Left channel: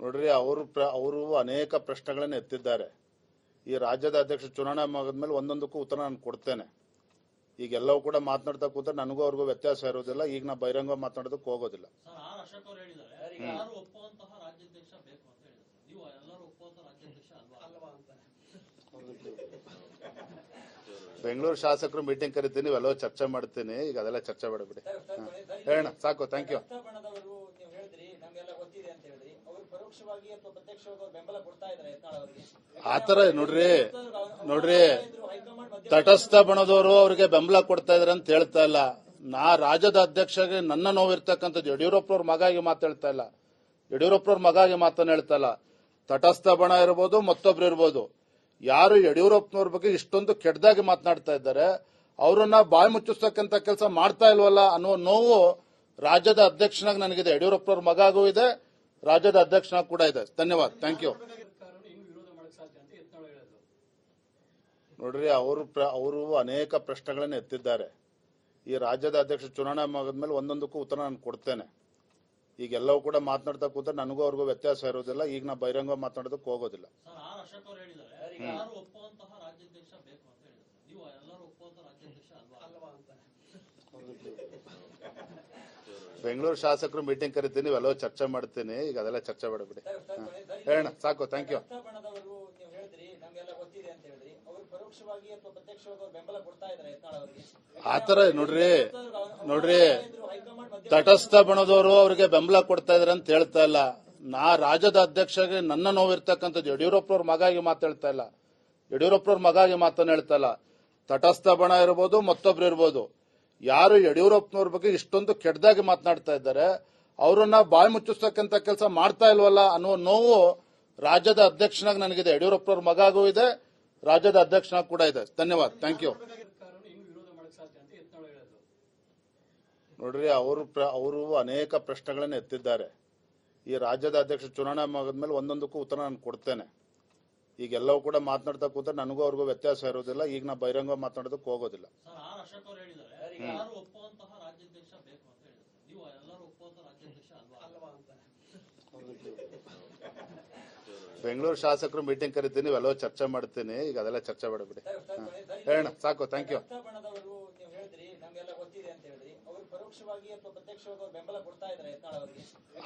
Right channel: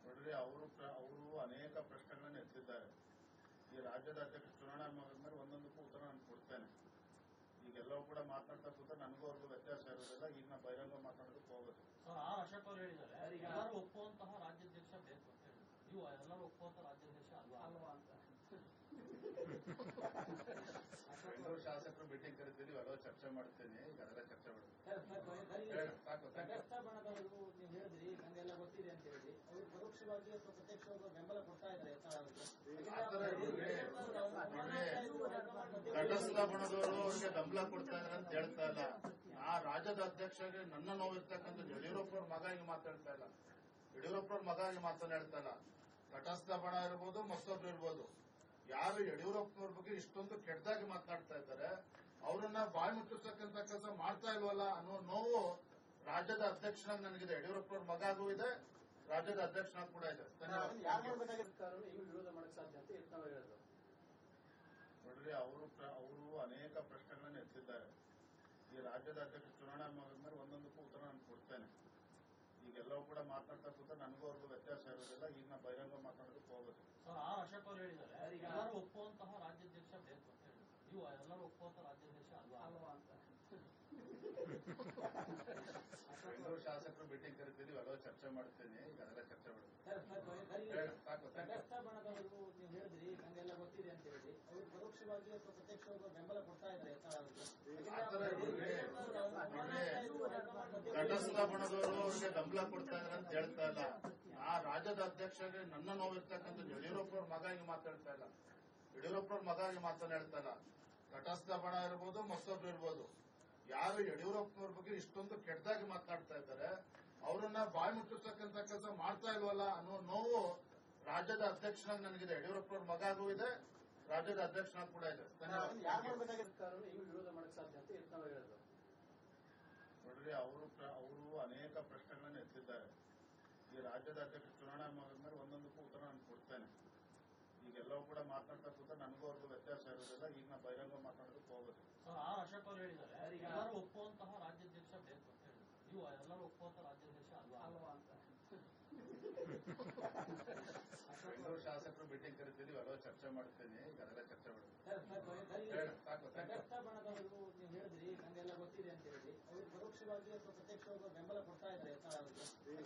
ನೋಡ್ರಿ, ಅವರು ಅನೇಕ ಪ್ರಶ್ನೆಗಳನ್ನು ಎತ್ತಿದ್ದಾರೆ. ಈ ರಾಜ್ಯದ ಅಧ್ಯಕ್ಷ ಚುನಾವಣೆ ಮುಗಿದ್ಮೇಲೆ ಒಂದೊಂದಕ್ಕೂ ಉತ್ತರ ನಾನು ಕೊಡ್ತೇನೆ. ಈಗೆಲ್ಲವೂ ಕೂಡ ಮಾತನಾಡ್ತಾ ಕೂತ್ರೆ ನನಗೂ ಅವ್ರಿಗೂ ವ್ಯತ್ಯಾಸ ಇರೋದಿಲ್ಲ. ಈಗ ನಾ ಬಹಿರಂಗ ಮಾತನಾಡೋದಕ್ಕೆ ಹೋಗೋದಿಲ್ಲ. ಬೆಂಗಳೂರು ಶಾಸಕರು ಮೀಟಿಂಗ್ ಕರಿತೀನಿ, ಇವೆಲ್ಲ ಚರ್ಚೆ ಮಾಡ್ತೀನಿ. ಈಗ ಅದೆಲ್ಲ ಚರ್ಚೆ ಮಾಡಬಿಡಿ. ಹೇಳೋಣ, ಸಾಕು. Thank you. ಆತರ ನೋಡ್ರಿ ತಟಸ್ಥ ಬಣದವರು ಅವ್ರಿಗೆ ಬೆಂಬಲ ಕೊಡ್ತಾ ಇದಾರೆ ಅಂತ ಹೇಳ್ತಾ ಇಲ್ಲ. ನಾ ರಾಜ್ಯದ ಅಧ್ಯಕ್ಷಗೆ ನನ್ನ ನೋವಿರ್ತಕ್ಕಂಥದ್ದು ಯಡಿಯೂರಪ್ಪನವ್ರ ಮಗಾಗಿ ಮಾತಾಡ್ತಾ ಇಲ್ಲ. ಯಡಿಯೂರಪ್ಪನವ್ರ ಮಗಾಗಿ ಮಾತನ್ನ ಹೇಳ್ತಾ ಇಲ್ಲ. ತಟಸ್ಥ ಬಣ ಇರ್ಬೋದು, ಮತ್ತೊಬ್ರು ಇರ್ಬೋದು. ಯಾರು ಯಡಿಯೂರಪ್ಪನವ್ರ ಬಗ್ಗೆ ಇಷ್ಟೊಂದು ಕೆಟ್ಟದಾಗಿ ಮಾತನಾಡ್ತಾ ಇದ್ದಾರೆ, ಅವರನ್ನ ಬಾಯಿ ಮುಚ್ಚಿಸ್ತಕ್ಕಂಥ ಕೆಲಸ ಮಾಡ್ತಾ ಇಲ್ವಲ್ಲ ಅನ್ನೋ ನೋವು ರಾಜ್ಯದ ಅಧ್ಯಕ್ಷನಾಗಿ ನನಗಿದೆ. ಯಡಿಯೂರಪ್ಪನವ್ರ ಮಗಾಗೂ ಇದೆ, ರಾಜ್ಯದ ಅಧ್ಯಕ್ಷನಾಗಿ ಕೂಡ ಇದೆ. ಧನ್ಯವಾದ. Thank you. ನೋಡ್ರಿ, ಅವರು ಅನೇಕ ಪ್ರಶ್ನೆಗಳನ್ನು ಎತ್ತಿದ್ದಾರೆ. ಈ ರಾಜ್ಯದ ಅಧ್ಯಕ್ಷ ಚುನಾವಣೆ ಮುಗಿದ್ಮೇಲೆ ಒಂದೊಂದಕ್ಕೂ ಉತ್ತರ ನಾನು ಕೊಡ್ತೇನೆ. ಈಗೆಲ್ಲವೂ ಕೂಡ ಮಾತನಾಡ್ತಾ ಕೂತ್ರೆ ನನಗೂ ಅವ್ರಿಗೂ ವ್ಯತ್ಯಾಸ ಇರೋದಿಲ್ಲ. ಈಗ ನಾ ಬಹಿರಂಗ ಮಾತನಾಡೋದಕ್ಕೆ ಹೋಗೋದಿಲ್ಲ. ಬೆಂಗಳೂರು ಶಾಸಕರು ಮೀಟಿಂಗ್ ಕರಿತೀನಿ, ಇವೆಲ್ಲ ಚರ್ಚೆ ಮಾಡ್ತೀನಿ. ಈಗ ಅದೆಲ್ಲ ಚರ್ಚೆ ಮಾಡಬಿಡಿ. ಹೇಳೋಣ, ಸಾಕು. Thank you. ಆತರ ನೋಡ್ರಿ ತಟಸ್ಥ ಬಣದವರು ಅವ್ರಿಗೆ ಬೆಂಬಲ ಕೊಡ್ತಾ ಇದಾರೆ ಅಂತ ಹೇಳ್ತಾ ಇಲ್ಲ. ನಾ ರಾಜ್ಯದ ಅಧ್ಯಕ್ಷಗೆ ನನ್ನ ನೋವಿರ್ತಕ್ಕಂಥದ್ದು ಯಡಿಯೂರಪ್ಪನವ್ರ ಮಗಾಗಿ ಮಾತಾಡ್ತಾ ಇಲ್ಲ. ಯಡಿಯೂರಪ್ಪನವ್ರ ಮಗಾಗಿ ಮಾತನ್ನ ಹೇಳ್ತಾ ಇಲ್ಲ. ತಟಸ್ಥ ಬಣ ಇರ್ಬೋದು, ಮತ್ತೊಬ್ರು ಇರ್ಬೋದು. ಯಾರು ಯಡಿಯೂರಪ್ಪನವ್ರ ಬಗ್ಗೆ ಇಷ್ಟೊಂದು ಕೆಟ್ಟದಾಗಿ ಮಾತನಾಡ್ತಾ ಇದ್ದಾರೆ, ಅವರನ್ನ ಬಾಯಿ ಮುಚ್ಚಿಸ್ತಕ್ಕಂಥ ಕೆಲಸ ಮಾಡ್ತಾ ಇಲ್ವಲ್ಲ ಅನ್ನೋ ನೋವು ರಾಜ್ಯದ ಅಧ್ಯಕ್ಷನಾಗಿ ನನಗಿದೆ. ಯಡಿಯೂರಪ್ಪನವ್ರ ಮಗಾಗೂ ಇದೆ, ರಾಜ್ಯದ ಅಧ್ಯಕ್ಷನಾಗಿ ಕೂಡ ಇದೆ. ಧನ್ಯವಾದ. Thank you. ನೋಡ್ರಿ, ಅವರು ಅನೇಕ ಪ್ರಶ್ನೆಗಳನ್ನು ಎತ್ತಿದ್ದಾರೆ. ಈ ರಾಜ್ಯದ ಅಧ್ಯಕ್ಷ ಚುನಾವಣೆ ಮುಗಿದ್ಮೇಲೆ ಒಂದೊಂದಕ್ಕೂ ಉತ್ತರ ನಾನು ಕೊಡ್ತೇನೆ. ಈಗೆಲ್ಲವೂ ಕೂಡ ಮಾತನಾಡ್ತಾ ಕೂತ್ರೆ ನನಗೂ ಅವ್ರಿಗೂ ವ್ಯತ್ಯಾಸ ಇರೋದಿಲ್ಲ. ಈಗ ನಾ ಬಹಿರಂಗ ಮಾತನಾಡೋದಕ್ಕೆ ಹೋಗೋದಿಲ್ಲ. ಬೆಂಗಳೂರು ಶಾಸಕರು ಮೀಟಿಂಗ್ ಕರಿತೀನಿ, ಇವೆಲ್ಲ ಚರ್ಚೆ ಮಾಡ್ತೀನಿ. ಈಗ ಅದೆಲ್ಲ ಚರ್ಚೆ ಮಾಡಬಿಡಿ. ಹೇಳೋಣ, ಸಾಕು. Thank you.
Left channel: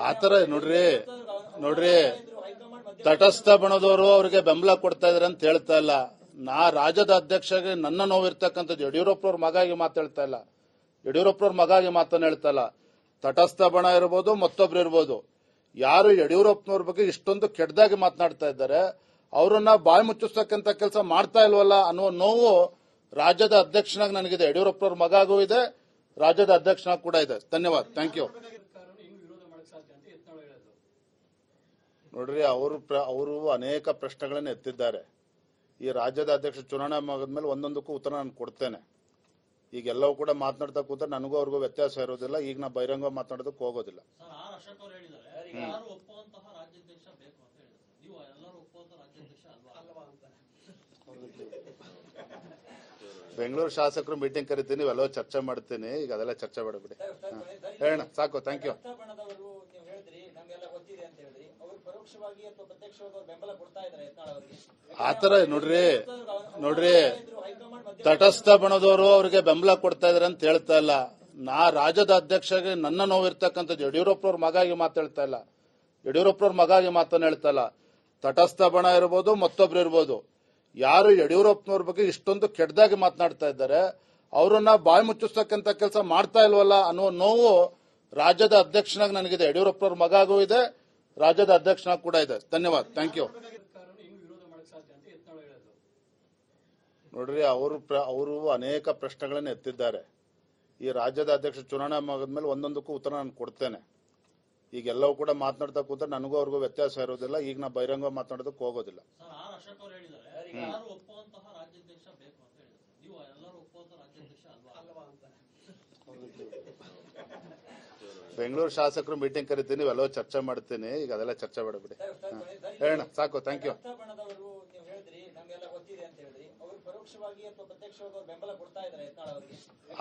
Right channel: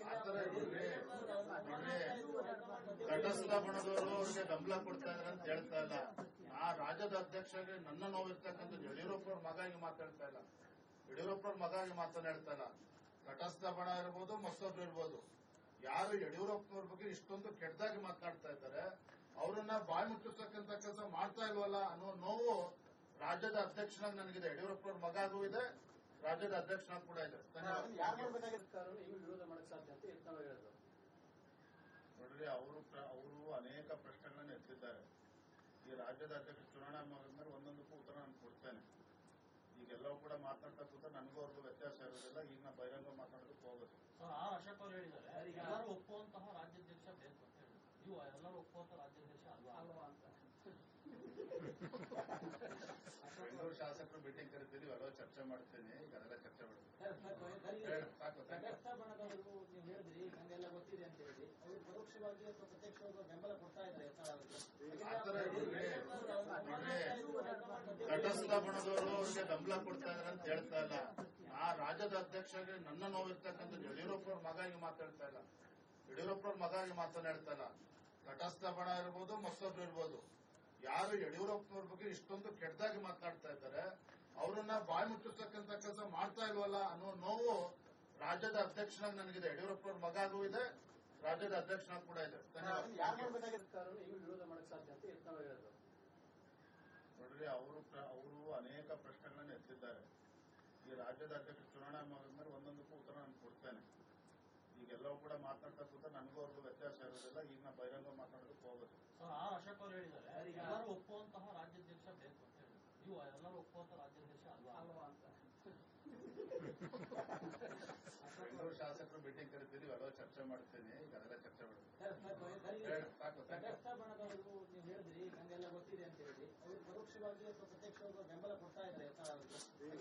ಆತರ ನೋಡ್ರಿ ತಟಸ್ಥ ಬಣದವರು ಅವ್ರಿಗೆ ಬೆಂಬಲ ಕೊಡ್ತಾ ಇದಾರೆ ಅಂತ ಹೇಳ್ತಾ ಇಲ್ಲ. ನಾ ರಾಜ್ಯದ ಅಧ್ಯಕ್ಷಗೆ ನನ್ನ ನೋವಿರ್ತಕ್ಕಂಥದ್ದು ಯಡಿಯೂರಪ್ಪನವ್ರ ಮಗಾಗಿ ಮಾತಾಡ್ತಾ ಇಲ್ಲ. ಯಡಿಯೂರಪ್ಪನವ್ರ ಮಗಾಗಿ ಮಾತನ್ನ ಹೇಳ್ತಾ ಇಲ್ಲ. ತಟಸ್ಥ ಬಣ ಇರ್ಬೋದು, ಮತ್ತೊಬ್ರು ಇರ್ಬೋದು. ಯಾರು ಯಡಿಯೂರಪ್ಪನವ್ರ ಬಗ್ಗೆ ಇಷ್ಟೊಂದು ಕೆಟ್ಟದಾಗಿ ಮಾತನಾಡ್ತಾ ಇದ್ದಾರೆ, ಅವರನ್ನ ಬಾಯಿ ಮುಚ್ಚಿಸ್ತಕ್ಕಂಥ ಕೆಲಸ ಮಾಡ್ತಾ ಇಲ್ವಲ್ಲ ಅನ್ನೋ ನೋವು ರಾಜ್ಯದ ಅಧ್ಯಕ್ಷನಾಗಿ ನನಗಿದೆ. ಯಡಿಯೂರಪ್ಪನವ್ರ ಮಗಾಗೂ ಇದೆ, ರಾಜ್ಯದ ಅಧ್ಯಕ್ಷನಾಗಿ ಕೂಡ ಇದೆ. ಧನ್ಯವಾದ. Thank you. ನೋಡ್ರಿ, ಅವರು ಅನೇಕ ಪ್ರಶ್ನೆಗಳನ್ನು ಎತ್ತಿದ್ದಾರೆ. ಈ ರಾಜ್ಯದ ಅಧ್ಯಕ್ಷ ಚುನಾವಣೆ ಮುಗಿದ್ಮೇಲೆ ಒಂದೊಂದಕ್ಕೂ ಉತ್ತರ ನಾನು ಕೊಡ್ತೇನೆ. ಈಗೆಲ್ಲವೂ ಕೂಡ ಮಾತನಾಡ್ತಾ ಕೂತ್ರೆ ನನಗೂ ಅವ್ರಿಗೂ ವ್ಯತ್ಯಾಸ ಇರೋದಿಲ್ಲ. ಈಗ ನಾ ಬಹಿರಂಗ ಮಾತನಾಡೋದಕ್ಕೆ ಹೋಗೋದಿಲ್ಲ. ಬೆಂಗಳೂರು ಶಾಸಕರು ಮೀಟಿಂಗ್ ಕರಿತೀನಿ, ಇವೆಲ್ಲ ಚರ್ಚೆ ಮಾಡ್ತೀನಿ. ಈಗ ಅದೆಲ್ಲ ಚರ್ಚೆ ಮಾಡಬಿಡಿ. ಹೇಳೋಣ, ಸಾಕು. Thank you. ಆತರ ನೋಡ್ರಿ ತಟಸ್ಥ ಬಣದವರು ಅವ್ರಿಗೆ ಬೆಂಬಲ ಕೊಡ್ತಾ ಇದಾರೆ ಅಂತ ಹೇಳ್ತಾ ಇಲ್ಲ. ನಾ ರಾಜ್ಯದ ಅಧ್ಯಕ್ಷಗೆ ನನ್ನ ನೋವಿರ್ತಕ್ಕಂಥದ್ದು ಯಡಿಯೂರಪ್ಪನವ್ರ ಮಗಾಗಿ ಮಾತಾಡ್ತಾ ಇಲ್ಲ. ಯಡಿಯೂರಪ್ಪನವ್ರ ಮಗಾಗಿ ಮಾತನ್ನ ಹೇಳ್ತಾ ಇಲ್ಲ. ತಟಸ್ಥ ಬಣ ಇರ್ಬೋದು, ಮತ್ತೊಬ್ರು ಇರ್ಬೋದು. ಯಾರು ಯಡಿಯೂರಪ್ಪನವ್ರ ಬಗ್ಗೆ ಇಷ್ಟೊಂದು ಕೆಟ್ಟದಾಗಿ ಮಾತನಾಡ್ತಾ ಇದ್ದಾರೆ, ಅವರನ್ನ ಬಾಯಿ ಮುಚ್ಚಿಸ್ತಕ್ಕಂಥ ಕೆಲಸ ಮಾಡ್ತಾ ಇಲ್ವಲ್ಲ ಅನ್ನೋ ನೋವು ರಾಜ್ಯದ ಅಧ್ಯಕ್ಷನಾಗಿ ನನಗಿದೆ. ಯಡಿಯೂರಪ್ಪನವ್ರ ಮಗಾಗೂ ಇದೆ, ರಾಜ್ಯದ ಅಧ್ಯಕ್ಷನಾಗಿ ಕೂಡ ಇದೆ. ಧನ್ಯವಾದ. Thank you. ನೋಡ್ರಿ, ಅವರು ಅನೇಕ ಪ್ರಶ್ನೆಗಳನ್ನು ಎತ್ತಿದ್ದಾರೆ. ಈ ರಾಜ್ಯದ ಅಧ್ಯಕ್ಷ ಚುನಾವಣೆ ಮುಗಿದ್ಮೇಲೆ ಒಂದೊಂದಕ್ಕೂ ಉತ್ತರ ನಾನು ಕೊಡ್ತೇನೆ. ಈಗೆಲ್ಲವೂ ಕೂಡ ಮಾತನಾಡ್ತಾ ಕೂತ್ರೆ ನನಗೂ ಅವ್ರಿಗೂ ವ್ಯತ್ಯಾಸ ಇರೋದಿಲ್ಲ. ಈಗ ನಾ ಬಹಿರಂಗ ಮಾತನಾಡೋದಕ್ಕೆ ಹೋಗೋದಿಲ್ಲ. ಬೆಂಗಳೂರು ಶಾಸಕರು ಮೀಟಿಂಗ್ ಕರಿತೀನಿ, ಇವೆಲ್ಲ ಚರ್ಚೆ ಮಾಡ್ತೀನಿ. ಈಗ ಅದೆಲ್ಲ ಚರ್ಚೆ ಮಾಡಬಿಡಿ. ಹೇಳೋಣ, ಸಾಕು. Thank you.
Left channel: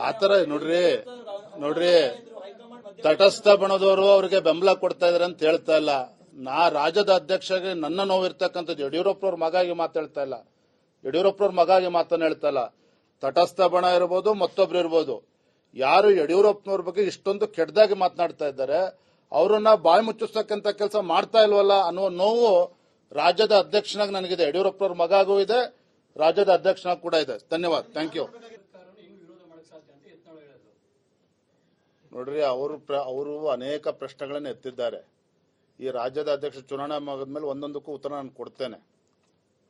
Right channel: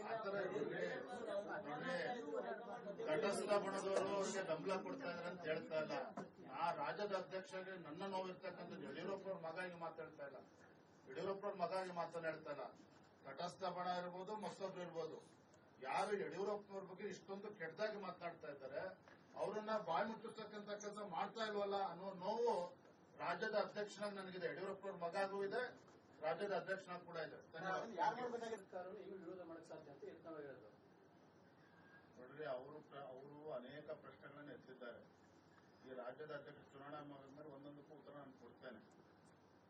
ಆತರ ನೋಡ್ರಿ ತಟಸ್ಥ ಬಣದವರು ಅವ್ರಿಗೆ ಬೆಂಬಲ ಕೊಡ್ತಾ ಇದಾರೆ ಅಂತ ಹೇಳ್ತಾ ಇಲ್ಲ. ರಾಜ್ಯದ ಅಧ್ಯಕ್ಷಗೆ ನನ್ನ ನೋವಿರ್ತಕ್ಕಂಥದ್ದು ಯಡಿಯೂರಪ್ಪನವ್ರ ಮಗಾಗಿ ಮಾತಾಡ್ತಾ ಇಲ್ಲ. ಯಡಿಯೂರಪ್ಪನವ್ರ ಮಗಾಗಿ ಮಾತನ್ನ ಹೇಳ್ತಾ ಇಲ್ಲ. ತಟಸ್ಥ ಬಣ ಇರ್ಬೋದು, ಮತ್ತೊಬ್ರು ಇರ್ಬೋದು, ಯಾರು ಯಡಿಯೂರಪ್ಪನವ್ರ ಬಗ್ಗೆ ಇಷ್ಟೊಂದು ಕೆಟ್ಟದಾಗಿ ಮಾತನಾಡ್ತಾ ಇದ್ದಾರೆ ಅವರನ್ನ ಬಾಯಿ ಮುಚ್ಚಿಸ್ತಕ್ಕಂಥ ಕೆಲಸ ಮಾಡ್ತಾ ಇಲ್ವಲ್ಲ ಅನ್ನುವ ನೋವು ರಾಜ್ಯದ ಅಧ್ಯಕ್ಷನಾಗಿ ನನಗಿದೆ. ಯಡಿಯೂರಪ್ಪನವ್ರ ಮಗಾಗೂ ಇದೆ, ರಾಜ್ಯದ ಅಧ್ಯಕ್ಷನಾಗಿ ಕೂಡ ಇದೆ. ಧನ್ಯವಾದ. Thank you. ನೋಡ್ರಿ, ಅವರು ಅನೇಕ ಪ್ರಶ್ನೆಗಳನ್ನು ಎತ್ತಿದ್ದಾರೆ. ಈ ರಾಜ್ಯದ ಅಧ್ಯಕ್ಷ ಚುನಾವಣೆ ಮುಗಿದ್ಮೇಲೆ ಒಂದೊಂದಕ್ಕೂ ಉತ್ತರ ನಾನು ಕೊಡ್ತೇನೆ.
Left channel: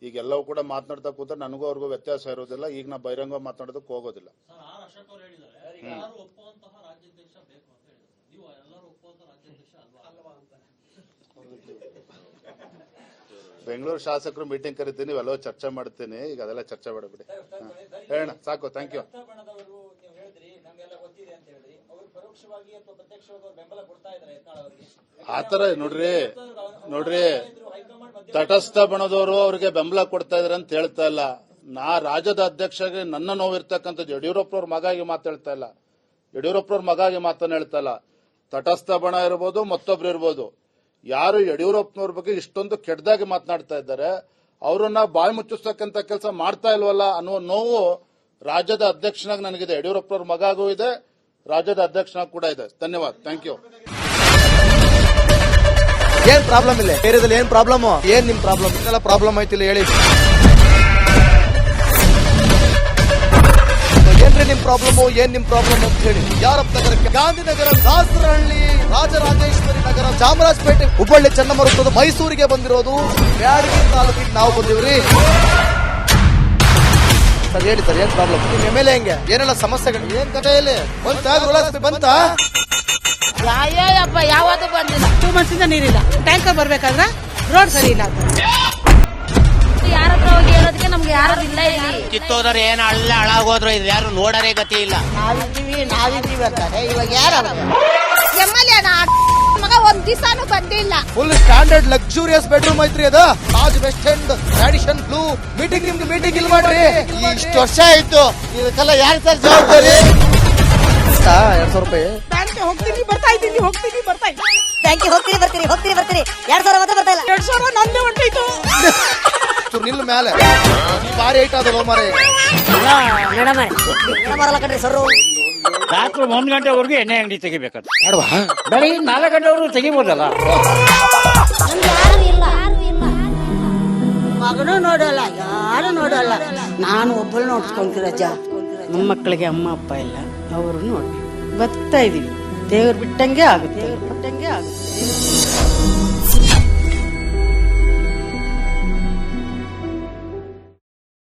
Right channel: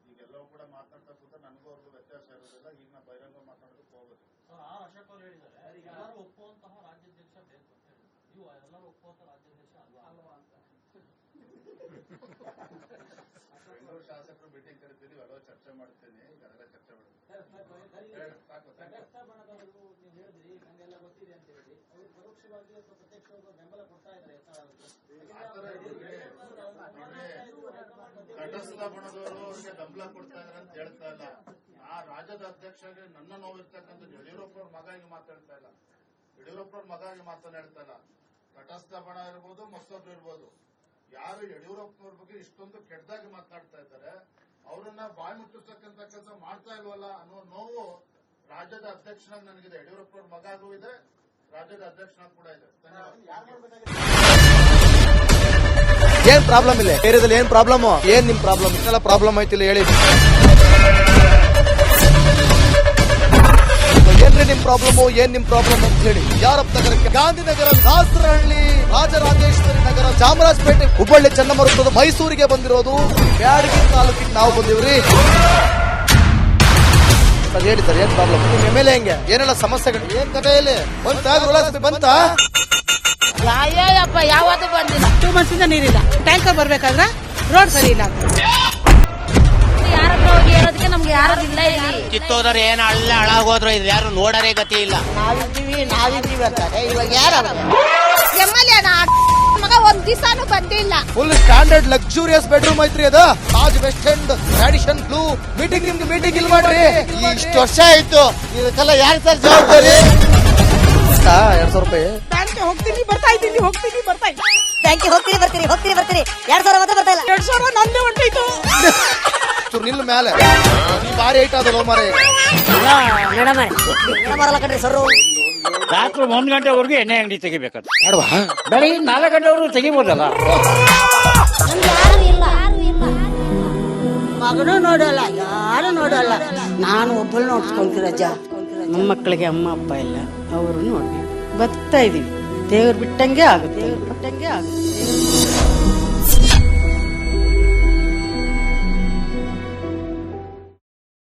ಈಗೆಲ್ಲವೂ ಕೂಡ ಮಾತನಾಡ್ತಾ ಕೂತ್ರೆ ನನಗೂ ಅವ್ರಿಗೂ ವ್ಯತ್ಯಾಸ ಇರೋದಿಲ್ಲ. ಈಗ ನಾ ಬಹಿರಂಗ ಮಾತನಾಡೋದಕ್ಕೆ ಹೋಗೋದಿಲ್ಲ. ಬೆಂಗಳೂರು ಶಾಸಕರು ಮೀಟಿಂಗ್ ಕರಿತೀನಿ, ಇವೆಲ್ಲ ಚರ್ಚೆ ಮಾಡ್ತೀನಿ. ಈಗ ಅದೆಲ್ಲ ಚರ್ಚೆ ಮಾಡಬಿಡಿ. ಹೇಳೋಣ, ಸಾಕು. Thank you. ಆತರ ನೋಡ್ರಿ ತಟಸ್ಥ ಬಣದವರು ಅವ್ರಿಗೆ ಬೆಂಬಲ ಕೊಡ್ತಾ ಇದಾರೆ ಅಂತ ಹೇಳ್ತಾ ಇಲ್ಲ. ರಾಜ್ಯದ ಅಧ್ಯಕ್ಷಗೆ ನನ್ನ ನೋವಿರ್ತಕ್ಕಂಥದ್ದು ಯಡಿಯೂರಪ್ಪನವ್ರ ಮಗಾಗಿ ಮಾತಾಡ್ತಾ ಇಲ್ಲ. ಯಡಿಯೂರಪ್ಪನವ್ರ ಮಗಾಗಿ ಮಾತನ್ನ ಹೇಳ್ತಾ ಇಲ್ಲ. ತಟಸ್ಥ ಬಣ ಇರ್ಬೋದು, ಮತ್ತೊಬ್ರು ಇರ್ಬೋದು, ಯಾರು ಯಡಿಯೂರಪ್ಪನವ್ರ ಬಗ್ಗೆ ಇಷ್ಟೊಂದು ಕೆಟ್ಟದಾಗಿ ಮಾತನಾಡ್ತಾ ಇದ್ದಾರೆ ಅವರನ್ನ ಬಾಯಿ ಮುಚ್ಚಿಸ್ತಕ್ಕಂಥ ಕೆಲಸ ಮಾಡ್ತಾ ಇಲ್ವಲ್ಲ ಅನ್ನುವ ನೋವು ರಾಜ್ಯದ ಅಧ್ಯಕ್ಷನಾಗಿ ನನಗಿದೆ. ಯಡಿಯೂರಪ್ಪನವ್ರ ಮಗಾಗೂ ಇದೆ, ರಾಜ್ಯದ ಅಧ್ಯಕ್ಷನಾಗಿ ಕೂಡ ಇದೆ. ಧನ್ಯವಾದ. Thank you. ಏನ್ ಪ್ರಾಬ್ಲಮ್ ಇಲ್ಲ ಏರಿಯಾದಲ್ಲಿ? ಏನ್ ಪ್ರಾಬ್ಲಮ್? ಏನ್ ನಿಮ್ ಪ್ರಾಬ್ಲಮ್? ಇದೆಲ್ಲ ಪ್ರಾಬ್ಲಮ್ ಐತಿಲ್ಲ ಹೇಳಿ. ಏನ್ರಿ ನಿಮ್ ಪ್ರಾಬ್ಲಮ್? ಏನ್ ನಿಮ್ ಪ್ರಾಬ್ಲಮ್ ಅಂತ ಹೇಳಿ. ಯಾರಪ್ಪ ನಗರಕ್ಕೆ? ಗಾಂಧಿನಗರ, ದಾಸರಹಳ್ಳಿ, ರಾಜರಾಜೇಶ್ವರಿ ನಗರ, ಚಾಮರಾಜಪೇಟೆ, ಹುಬ್ಬಳ್ಳಿ, ಚನ್ನಮರುತ್ತದ, ಮೈಸೂರಿಗೆ ಬಂದಿರೋದು. ಬ್ಯಾಡಗಿ ತಾಲೂಕಿಗೆ ನಾವು ಬಂದಿವ್ರಿ. ಸರ್ ಹೇಳಿ ಸರ್, ಏನ್ ಪ್ರಾಬ್ಲಮ್? ನಿಮ್ ಎಮ್ಎಲ್ಎ ಹೆಂಗೆ? ಏನೆಲ್ಲ ಸಮಸ್ಯೆಗಳು? ಏನ್ ಕಥೆ ಇಲ್ಲಿ ಬಂತ? ಯಾಯಪ್ಪ ಯಾವತ್ತೂ ಬಂದಿಲ್ಲ. 2 months ಇಂದ ನೀರಿಲ್ಲ. ಟ್ಯಾಂಕರ್ ಬರ್ಬೇಕಾದ್ರೆ ರೋಡ್ ಸರಿ ಇಲ್ಲ ಅಂತ ಯಾರ ಹತ್ರ ಹೋಗಿ ಹೇಳೋದಕ್ಕೆ ನಮ್ಗೆ ಯಾರು ಇಲ್ಲ. ಇಲ್ಲಿ ಕಿತ್ತೋದ್ರೆ ಏನ್ ಹಾಳಾಗೋದ್ರು ಇದು ಯಾರು ನೋಡರೇ ಗತಿ ಇಲ್ಲ. ನಾವಿದ್ದೀವಿ ಅಂತಾರೆ. ಇವಾಗ ಯಾರು ಎಮ್ಎಲ್ಎ ಮಗ ಒಂದ್ ದಿವಸನೂ ಬಂದಿಲ್ಲ. ಫುಲ್ ಸ್ಟ್ಯಾಂಡರ್ಡ್ ಲಕ್ಸುರಿಯಸ್ ಬೆಡ್ರೂಮ್ ಐತ್ರಿ ಅದು. Taj West End Radisson Blu. ನಿಮ್ಗೆ ಮೀಟಿಂಗ್ ಇಲ್ಲಿ ಮಾಡ್ರಿ. ಇಷ್ಟು ವರ್ಷ ಆಯ್ತು, ಇದಕ್ಕೆಲ್ಲ ಯಾರು ಸರ್ ಜವಾಬ್ದಾರಿ? 2,000 ರೂಪಾಯಿ ಹೋಗ್ತೀನಿ ಬರ್ತಾ ಇದ್ದೀನಿ. ಬ್ಯಾಂಕಿಗೆ ಹೋಗ್ತೀರಿ ಬರ್ತೀರಿ 2,000 ಮಾತ್ರ ಬರ್ತಾ ಇಲ್ಲ. 2,000 ನಂದೇ ಹೊಂಟೋಯ್ತು. ನಿಲ್ ಮೇಲೆ ಬಾರಿ ಐಟ್ ಅದಲ್ಲ ಮಾರೇ. ಬರಲ್ಲ ಕಣ್ರಿ ಸರ್. ರಾತ್ರಿ 1 ಗಂಟೆವರೆಗೂ ಎಣ್ಣೆ ಅಂಗಡಿ ತೆಗಿಬೇಕಂತ. ಬೆಳಿಗ್ಗೆ 4 ಗಂಟೆವರೆಗೂ ತೆಗಿಬೋದಲ್ಲ. ಮಗನೂ ನೋಡಲ್ಲ, ಯಾರು ನೋಡಲ್ಲ. ನಾನು ಒಬ್ಬಳು ನೋಡ್ಸ್ಕೊಂತೀರಜ್ಜ. ನಮ್ಮ ಮಕ್ಕಳಿಗೆ ಅಮ್ಮ ಅಪ್ಪ ಇಲ್ಲ, ಅವರು ನೋಡಿ ಬದುಕ್ತಾ ಇದೀವಿ. ದೇವ್ರು ಬಿಟ್ಟಂಗೆ ಆಗುತ್ತೆ.